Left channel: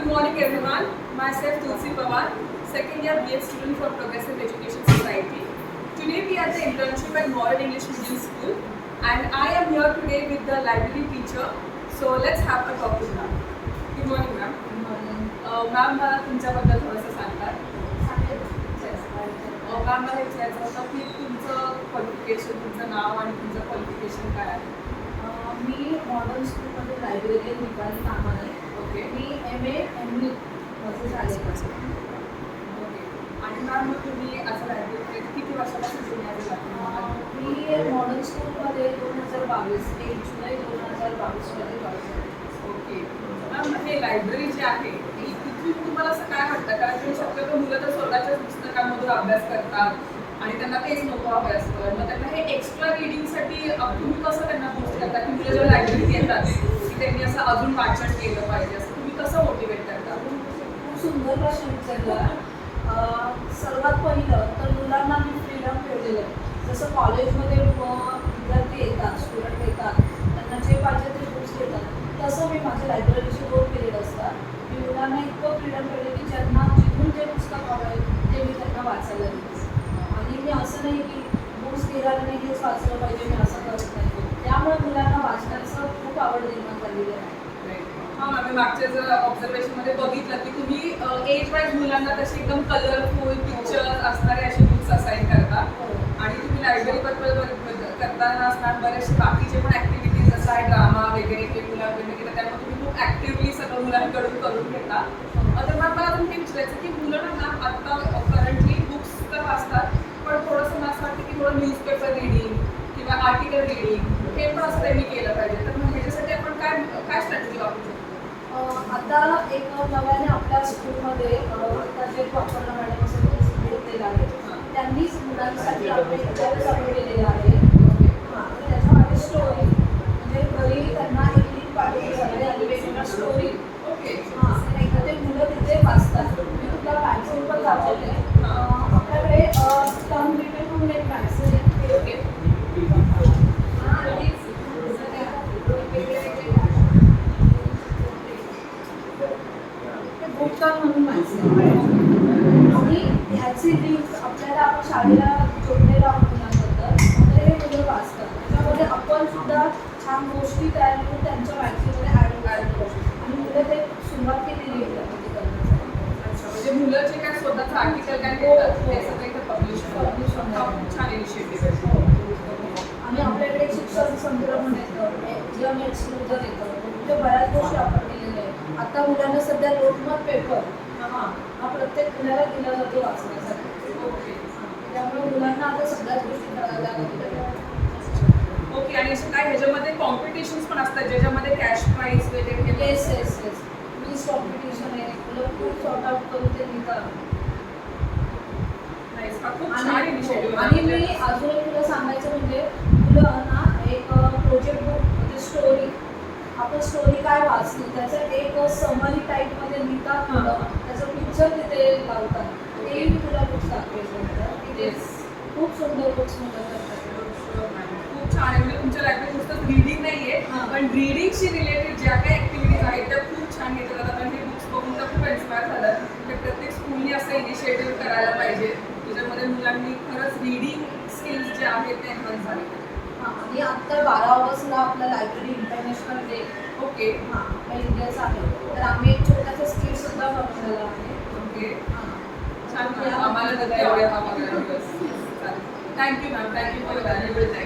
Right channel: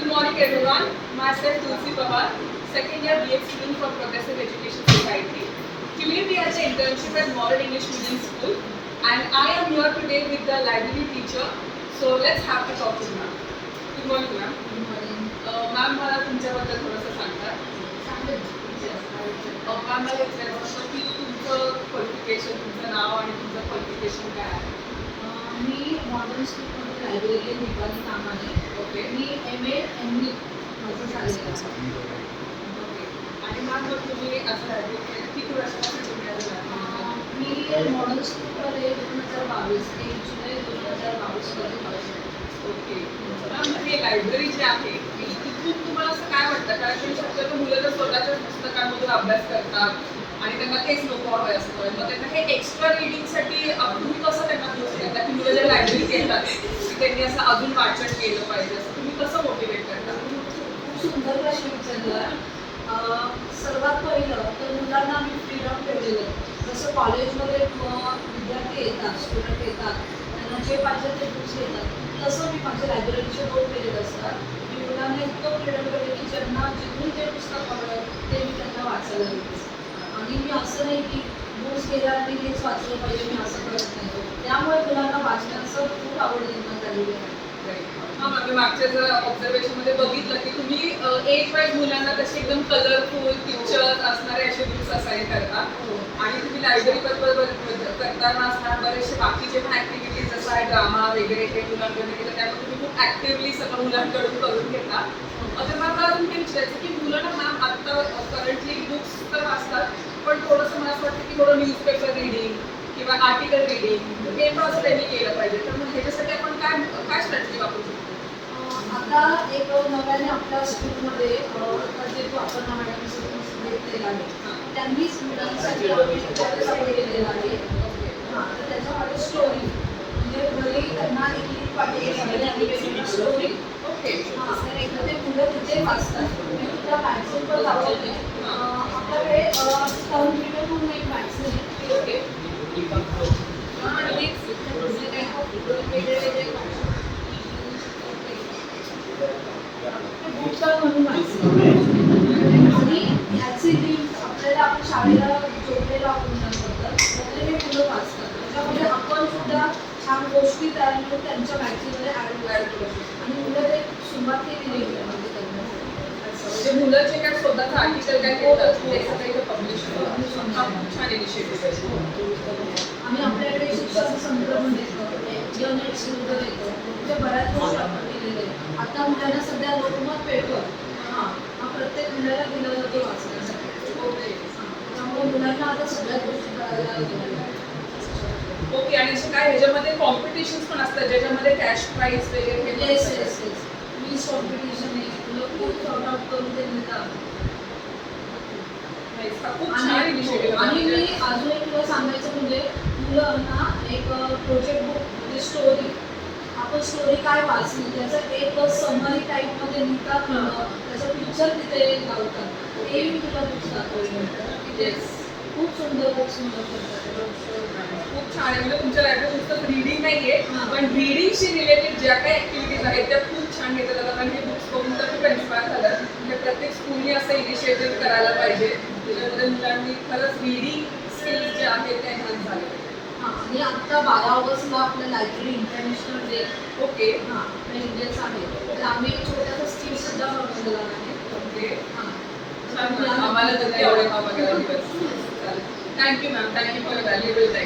Good morning everyone. Myself Tulsi Pawar, second year BA student from Progressive Education Society. Today we are at the internship at Modern English Medium School and I am here today with the library teacher. So let's have a talk with ma'am. Good morning ma'am. Good morning. Ma'am मला तुमच्याबद्दल थोडंसं सांगता. Ma'am मला विचारायचं होतं की तुमचं qualification, तुमचं नाव आणि तुमचं क्वालिफिकेशन काय आहे? मी मॉडर्न स्कूलमध्ये लायब्ररी निपाली कामाने. ओके. मी MA ME माझं झालेलं आहे. ओके. आणि मॅम मग तुम्ही असं लायब्ररी किती वर्षापासून तुम्ही असं मी मॉडर्न स्कूलमध्ये 2022 1 जुलै 2022 मध्ये ओके. मॅम हे लायब्ररी जे आहे तिथून तुम्हाला असं काय वाटतं? कारण की शक्यतो मुलं तर स्वतःच्याच पुस्तकांमधून अभ्यास करतात आणि त्यांना तेच नको हवं असतं. मग त्यांना हे एक्स्ट्रा रिडिंगसाठी तुम्ही कसं त्यांना पोस्ट करता की मुलं ज्या लायब्ररीत येतात की त्यांनी असं अजून वाचन केलं पाहिजे, असं तुम्ही कसं मोटिवेट करता? खूप सुंदर प्रश्न विचारला. सर्वात पहिलं तर मुलांना मी फ्रीडम ठेवलेलं आहे. जसं कॉलेजमध्ये विद्यार्थी येतात, स्टुडंट येतात, त्यांना जे पाहिजे ते बुक्स देतात, तसं मी माझ्या लायब्ररीचे रोल केलेलं असतात. मी मुलांना इतकं फ्रीडम ठेवलं की ज्यांना जिथून जे पुस्तक हवं आहे ते मी त्यांना वाचायला देते. आणि मी असं नाही की बुक्स गेल्या आणि हेच वाचलं पाहिजे, मी असं करत नाही. त्यामुळे मुलांना वाचण्याचं खूप आवड निर्माण झालेली आहे. हां मॅम, मी मागच्या जर ऑब्झर्वेशनमध्ये बघितलं की तुम्ही एज वाईज मुलांना तसे एकदम कलरफुल पिक्चर्स असणारे असे बुक्स असाइन करता. आणि तुम्ही लायब्ररी बद्दल करताना असणार बरेचसे बाकीचे पण ॲक्टिव्हिटीज जसं आहे ड्रामा वगैरे हे मुलांकडे केलं, त्यामुळे तुम्ही खूप ॲक्टिव्हली सगळं मुलांकडून करून घेता. तर मॅम मला अजून हे विचारायचं की मुलं मॅम आत्ता करंटली बुक्स तर वाचतात, पण थोडंसं मला असं वाटतं की थोडं न्यूजपेपर रिडिंग किंवा आर्टिकल रिडिंग हे पण असं त्यांनी केलं पाहिजे. तर मग ह्याच्यासाठी आपण काय काय स्ट्रॅटेजी वापरू शकतो? आता एक नव्याने आपल्या स्कूलमध्ये जे अपर्णा मॅडम असं घेतलेलं आहे, त्यांनीच मुलांसाठी आपण केलेलं आहे. हां, तर त्याच्यामध्ये स्टोरी म्हणजे घरी त्यांना एक लिंक पाठवली आणि स्टोरी. ओके. हां, तर एखादे मुलं तिथे वाचतात. मी तुला मॅगझिन पण दाखवते. आपल्याकडे टर्न रिडर म्हणून एक मॅगझिन आहे. ओके. बुकटर्न म्हणून मॅगझिन आणि ह्याची लिंक आपल्याला आपण शाळेला जोडलेलं आपण मुलांबद्दल तर हे मुलं वाचतात. त्याच्यामध्ये आपण सुद्धा छान गोष्टी तयार करून त्यांच्या मॅगझिनमध्ये ॲड करू आणि मुलं ते सुरुवात केलेली आहे म्हणजे मुलं जे काय स्वतःचं आर्टिकल काय देतात ते सगळं इथे पब्लिश खूप छान इनिशिएटिव्ह आहे. आम्ही आपल्याकडे शिक्षण संदर्भ येतो, यनेट्स वगैरे येतो, म्हणजे बऱ्याच गोष्टी आपण केलेल्या आहे. आता मुलांना सध्या लोकमत पेपर हा प्रत्येक मुलाला दिला जातो वाचण्यासाठी. ओके. त्यामुळे मुलांना आता सगळ्याच गोष्टी कळायला लागल्या. ओके. आणि असे काय ह्याच्यामध्ये कॉम्पिटिशन्स पण असतात ज्याच्यामध्ये कॅश प्राईज वगैरे हे येस येस येस वीज कॉम्पिटिशन आहे. मुलं खूप सॉर्ट आउट करून ते लिहितात. खूप छान इनिशिएटिव्ह. आणि मी अजून एक तुला सांगायचं म्हणजे मुलं ना एक प्रोजेक्ट बुक म्हणजे स्टोरी, आपण स्टोरी काय वाचली त्याचं एक समरी टाईपमध्ये लिहितात मुलं, त्याचं पिक्चर तिथे लावतात. तेही मी तुला बुक्स दाखवली. येस. खूप सुंदर बुक्स मुलं करतात. खूप छान आहे. म्हणजे तुमच्या लायब्ररीत नुसतं रीडिंग नाही आहे, पण रीडिंगशी रिलेटेड ज्या काही ॲक्टिव्हिटीज आहेत त्या खूप छान घेतल्या जातात. आणि हे बुक्स बघून तर खूप इन्स्पायर झालं की प्रत्येक स्कूलनी असं इनिशिएटिव्ह करायला पाहिजे ज्याच्यामध्ये मुलांनी खरंच रीडिंग स्किल्स जे आहेत ते एन्हान्स झाले पाहिजे. हां, आणि आत्ता 12 ऑगस्टला आपला लायब्ररी इंटरनॅशनल डे. ओके. हां, आपल्या इंडियाचा आहे. तर आम्ही एक छोटासा स्किल सुद्धा बनवलेला आहे. ओके. हां, छान. आम्हाला नक्की आवडेल हा बघायला दिवस. चालेल. Thank you ma'am. Thank you for valuable time.